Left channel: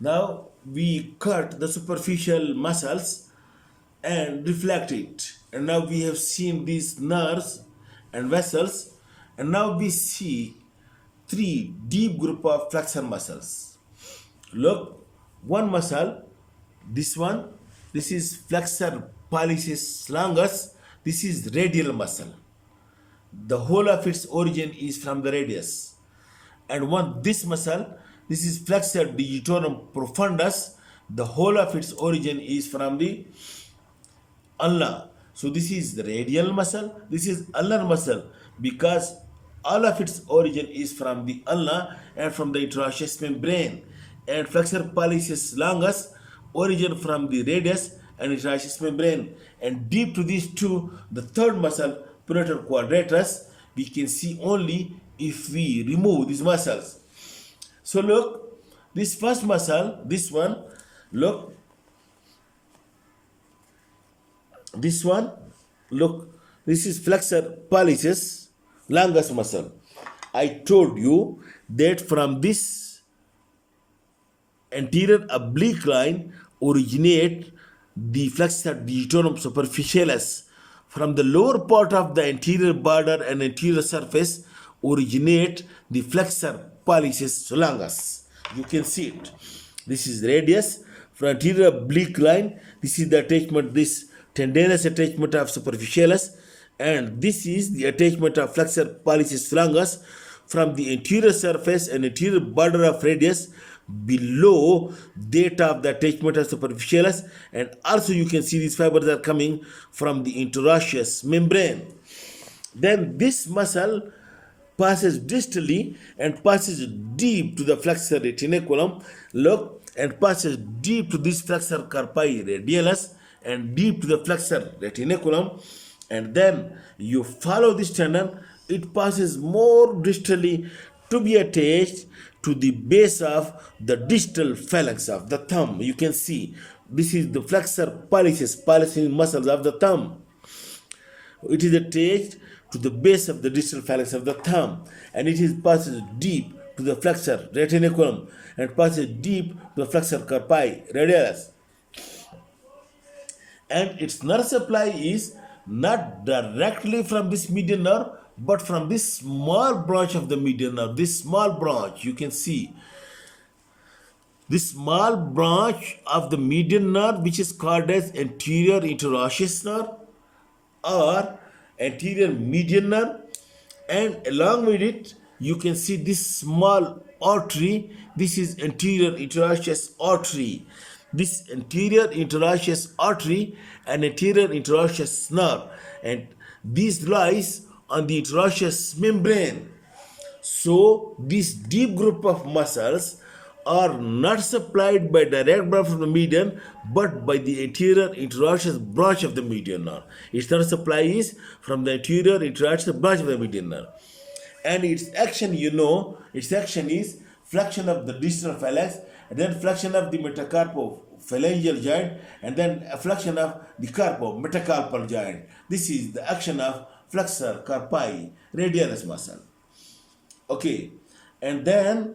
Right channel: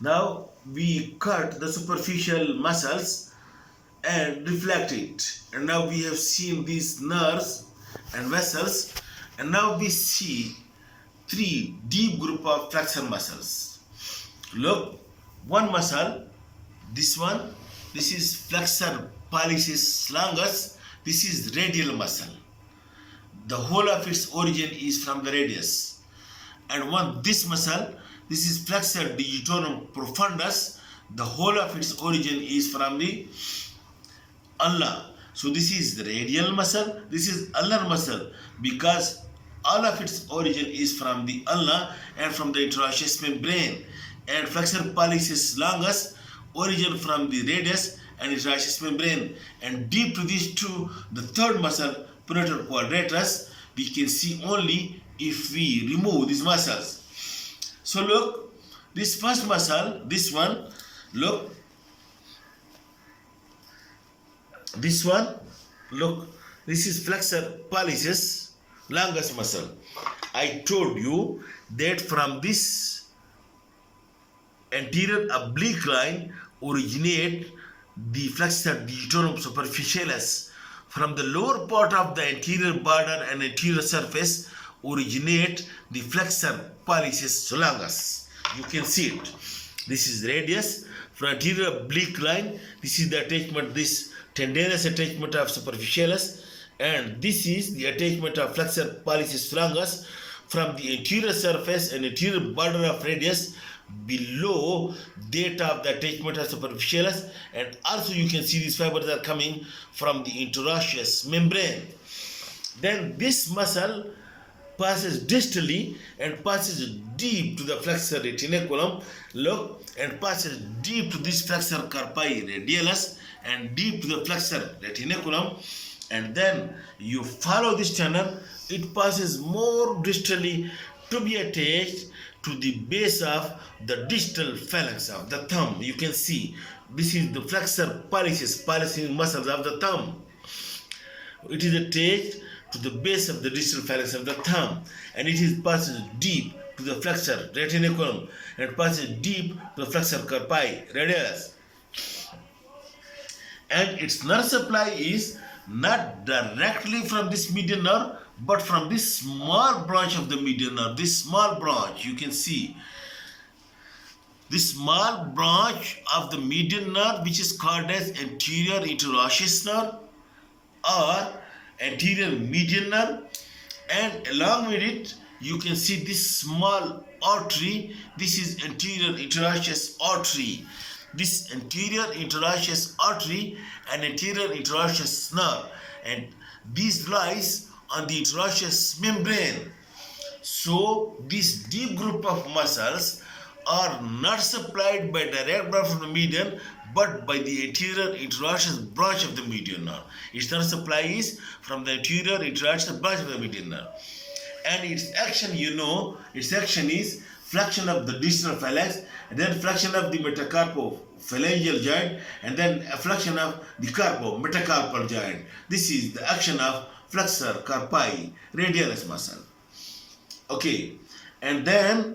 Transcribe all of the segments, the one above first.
Now we cut the superficial muscles and reflect it. And now we have seen these nerves and vessels, and now we see three deep group of flexor muscles. Look, one muscle, this one, this is flexor pollicis longus, this is radial muscle. The whole of its origin is from the radius. And one, this muscle, this is flexor digitorum profundus, the whole of its origin is from the ulna. So this is the radial muscle, this is ulnar muscle, because all of its origin is from the ulna and from the interosseous membrane. And flexor pollicis longus origin from the radius and interosseous membrane. And deep to these two, the third muscle, pronator quadratus, we can see only if we remove these muscles. So look, this first muscle, this one, look, this one, look, this is flexor pollicis longus muscle. I told you that from this anterior oblique line originate the flexor digitorum superficialis. From the lower part of the anterior border and anterior surface originate the flexor pollicis longus. You can see it. This is radius. From anterior oblique line, this is the attachment, this tendinous attachment of superficialis, and this is the attachment of flexor pollicis longus from the anterior surface and anterior border of radius below that of the attachment of superficialis, and also you can see these fibers are coming from the interosseous membrane. Then this muscle passes distally and passes deep to the flexor retinaculum, look, and passes deep to this flexor carpi radialis and deep to the flexor retinaculum, and then you follow this tendon, it passes more distally to be attached to the base of the distal phalanx of the thumb. You can see this is the flexor pollicis muscles of the thumb. It is attached to the base of the distal phalanx of the thumb, and it is passes deep to the flexor retinaculum and passes deep to the flexor carpi radialis. And its nerve supply is not directly from this median nerve, but from this small branch of the median nerve. This small branch, you can see this small branch of the median nerve, which is called as anterior interosseous nerve or anterior median nerve, and along with it you can see this small artery. This is anterior interosseous artery. This anterior interosseous artery and anterior interosseous nerve, and these lies on the interosseous membrane. So this deep group of muscles are not supplied by direct blood from the median, but by the anterior interosseous branch of the median nerve. Its nerve supply is from the anterior interosseous branch of the median nerve, and its action, you know, its action is flexion of the distal phalanx, and then flexion of the metacarpophalangeal joint, and then a flexion of the carpometacarpal joint. This is the action of flexor carpi radialis muscle. Okay, and then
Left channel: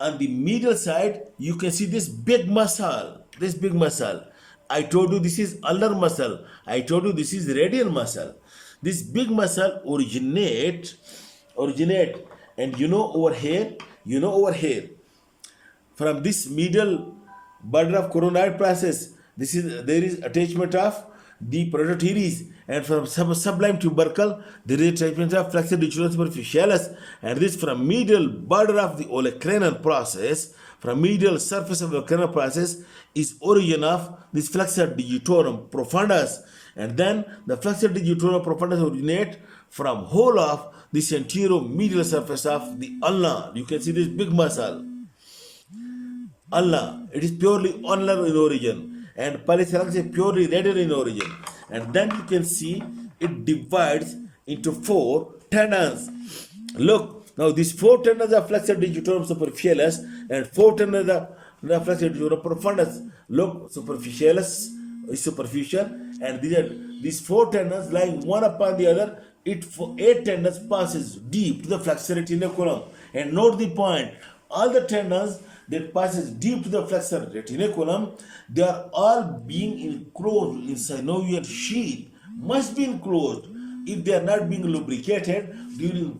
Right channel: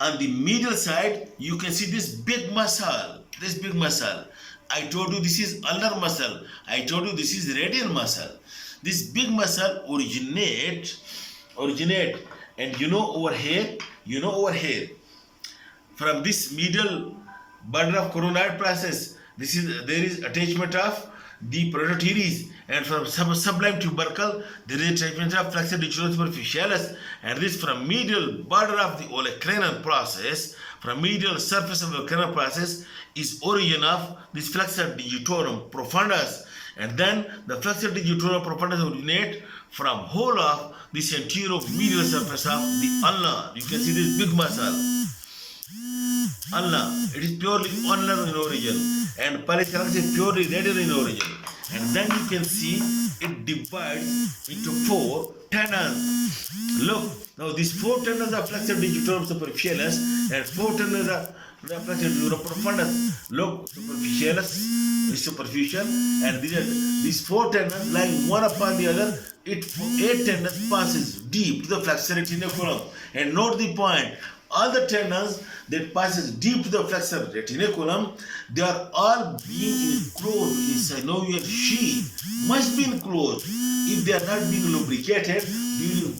on the medial side you can see this big muscle. I told you this is ulnar muscle. I told you this is radial muscle. This big muscle originate, and you know over here, from this medial border of coronoid process, there is attachment of the prototeres, and from sublime tubercle there is attachment of flexor digitorum superficialis, and this from medial border of the olecranon process, from medial surface of the olecranon process is origin of this flexor digitorum profundus, and then the flexor digitorum profundus originate from whole of this anterior medial surface of the ulna. You can see this big muscle, ulna. It is purely ulnar in origin, and pollicis is purely radial in origin. And then you can see it divides into 4 tendons. Look, now these 4 tendons are flexor digitorum superficialis and 4 tendons are the flexor digitorum profundus. Look, superficialis is superficial, and these 4 tendons lying one upon the other eight tendons passes deep to the flexor retinaculum. And note the point, all the tendons that passes deep to the flexor retinaculum, they are all being enclosed in synovial sheath, must be enclosed. If they are not being lubricated during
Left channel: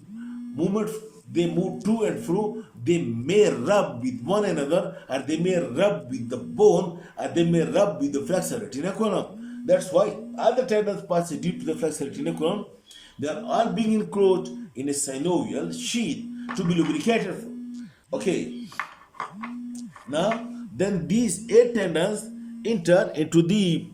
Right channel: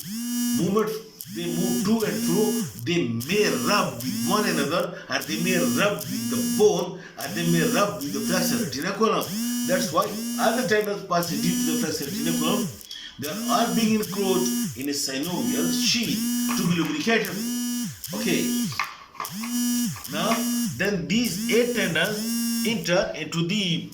movement, they move to and fro, they may rub with one another, or they may rub with the bone, or they may rub with the flexor retinaculum. That's why all the tendons pass deep to the flexor retinaculum. They are all being enclosed in a synovial sheath to be lubricated. Okay. Now, then these eight tendons enter into the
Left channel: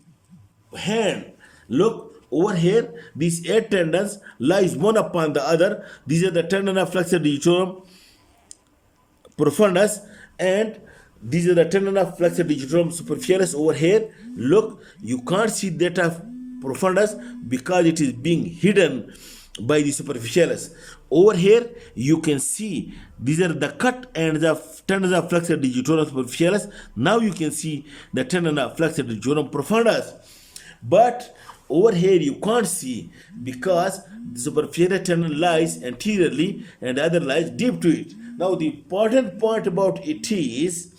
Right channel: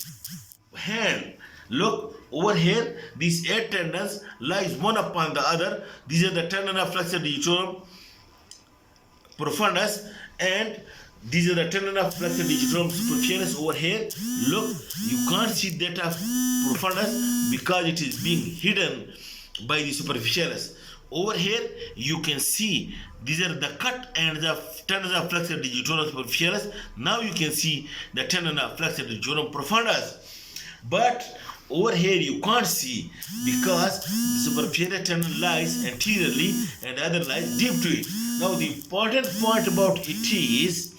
hand. Look over here. These eight tendons lies one upon the other. These are the tendon of flexor digitorum profundus, and these are the tendon of flexor digitorum superficialis over here. Look, you can't see that of profundus because it is being hidden by the superficialis. Over here you can see these are the cut and the tendons of flexor digitorum superficialis. Now you can see the tendon of flexor digitorum profundus, but over here you can't see because the superficial tendon lies anteriorly and the other lies deep to it. Now the important point about it is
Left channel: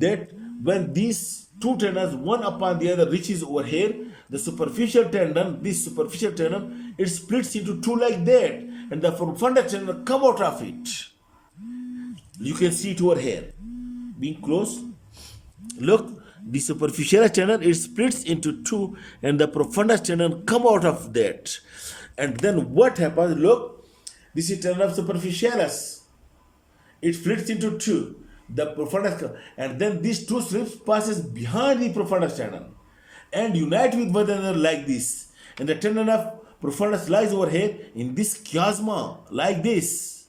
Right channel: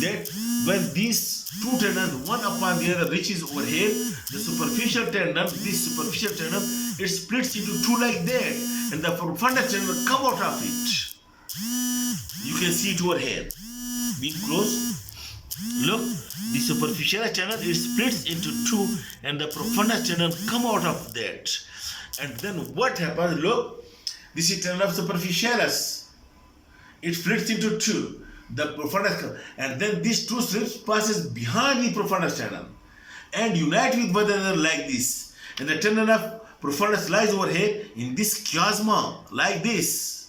that when these two tendons one upon the other reaches over here, the superficial tendon, this superficial tendon, it splits into two like that, and the profundus tendon come out of it. You can see it over here. Being close. Look, the superficial tendon, it splits into two, and the profundus tendon come out of that. And then what happens? Look, this is tendon of superficialis. It splits into two. The profundus, and then these two strips passes behind the profundus tendon and unite with one another like this. And the tendon of profundus lies over here in this chiasma like this.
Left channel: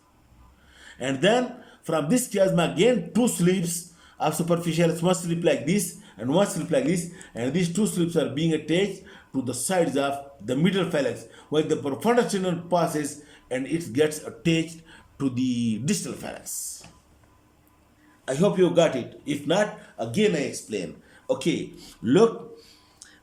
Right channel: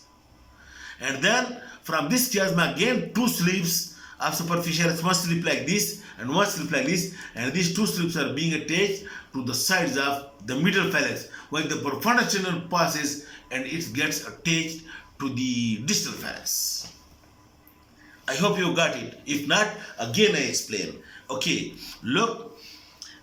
And then from this chiasma again two slips of superficialis, one slip like this and one slip like this, and these two slips are being attached to the sides of the middle phalanx, while the profundus tendon passes and it gets attached to the distal phalanx. I hope you got it. If not, again I explain. Okay, look,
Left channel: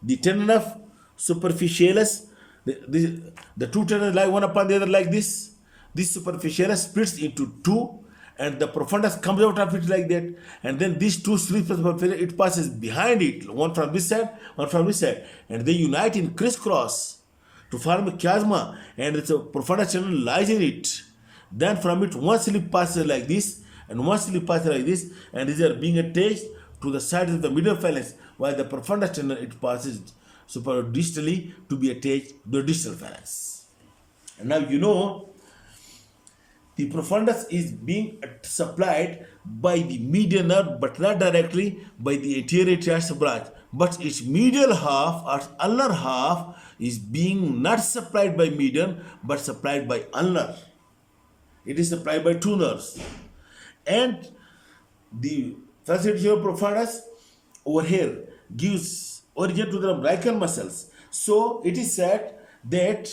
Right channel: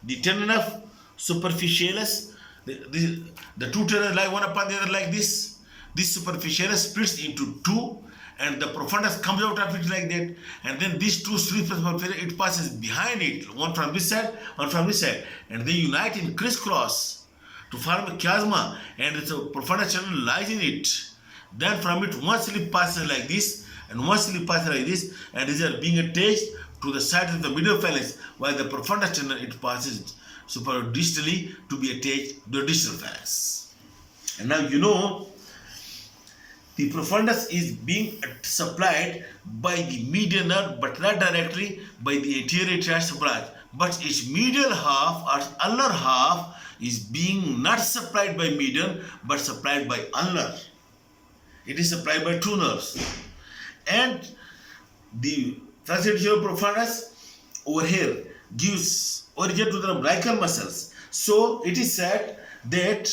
the tendon of superficialis, the two tendons lie one upon the other like this. This superficialis splits into two, and the profundus comes out of it like that. And then these two slips of superficialis, it passes behind it, one from this side, one from this side, and they unite in crisscross to form a chiasma, and the profundus tendon lies in it. Then from it one slip passes like this, and one slip passes like this, and these are being attached to the sides of the middle phalanx, while the profundus tendon, it passes supradistally to be attached to the distal phalanx. And now you know the profundus is being supplied by the median nerve, but not directly by the anterior triassic branch, but its medial half or ulnar half is being not supplied by median but supplied by ulnar. It is supplied by two nerves. And the flexor profundus over here gives origin to the umbilical muscles. So it is said that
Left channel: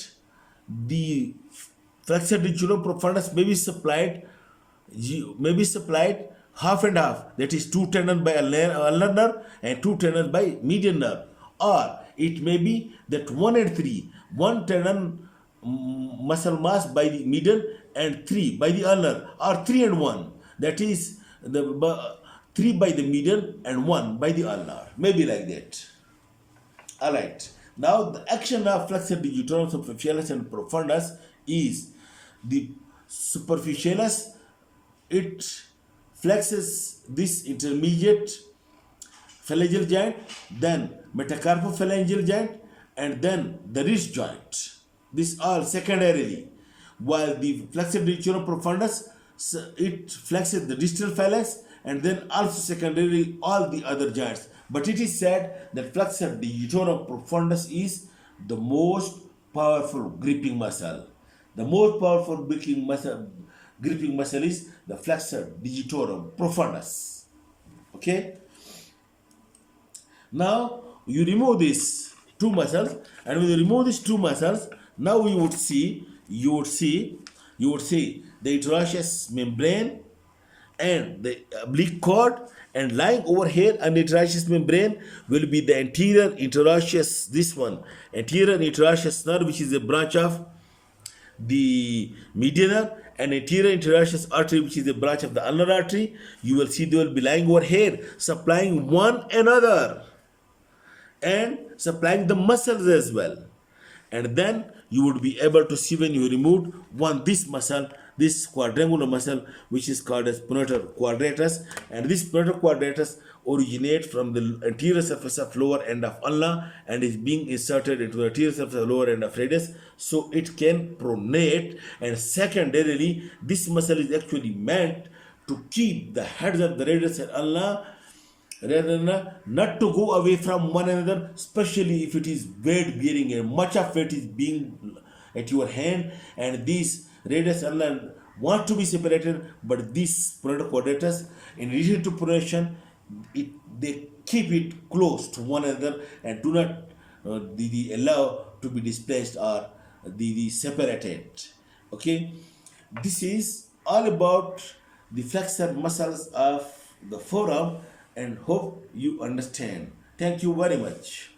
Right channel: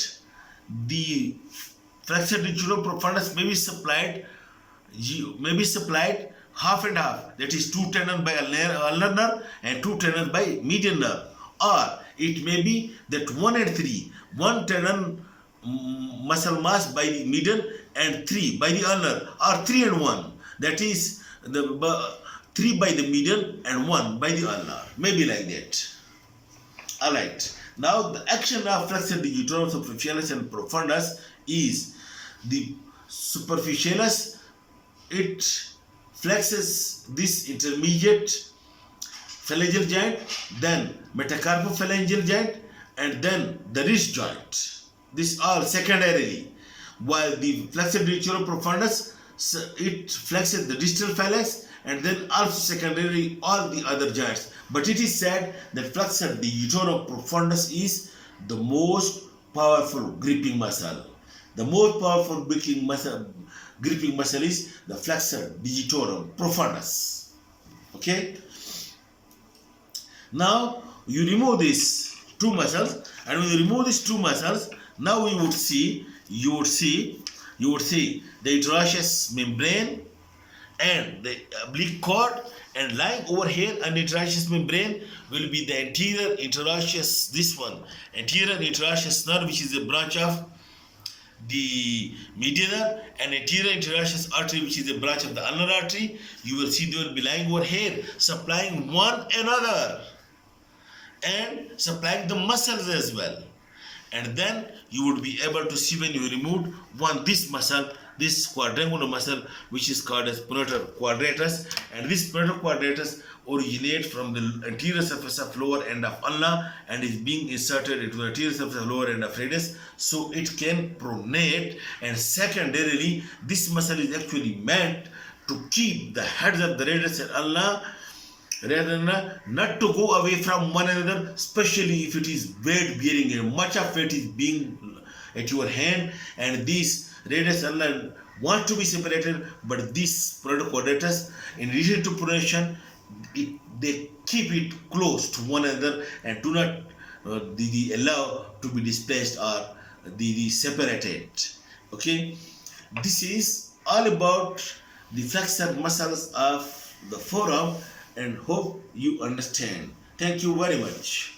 the flexor profundus may be supplied half and half. That is two tendons by ulnar nerve and two tendons by median nerve. Or it may be that 1 and 3, one tendon muscle mass by the median and 3 by the ulnar, or 3 and 1. That is the 3 by the median and 1 by the ulnar. Maybe like that. Alright. Now the action of flexor digitorum superficialis and profundus is the superficialis, it flexes this intermediate phalangeal joint, then metacarpophalangeal joint, and then the wrist joint. This all secondarily. While the flexor digitorum profundus, it flexes the distal phalanx and then also secondarily all the other joints. But it is said that flexor digitorum profundus is the most powerful gripping muscle. The most powerful gripping muscle is the flexor digitorum profundus. Okay? Now you remove these two muscles, and when you remove these two muscles, now you would see the interosseous membrane and the oblique cord, and lying over here on the interosseous membrane will be the anterior interosseous, this one, anterior interosseous nerve, which is a branch of the medianer and anterior interosseous artery, which is a branch of the ulnar artery. You will see they will be lying over here, supplying one another and supplying the muscles as well. And then you would be able to see when you remove this muscle, this quadrangular muscle, which is called as pronator quadratus, and this pronator quadratus originates from the anterior surface of lower end of ulna and is being inserted into the anterior surface of lower end of radius, so it can pronate. And secondarily, this muscle is actually meant to keep the heads of the radius and ulna rather than not to go away from one another, especially if it is weight bearing and much of it is being at your hand, and these radius ulna want to be separated, but this product quadratus, in addition to pronation, they keep it close to one another and do not allow to be displaced or the separated. Okay, this is all about the flexor muscles of the forearm, and hope you understand. Thank you very much.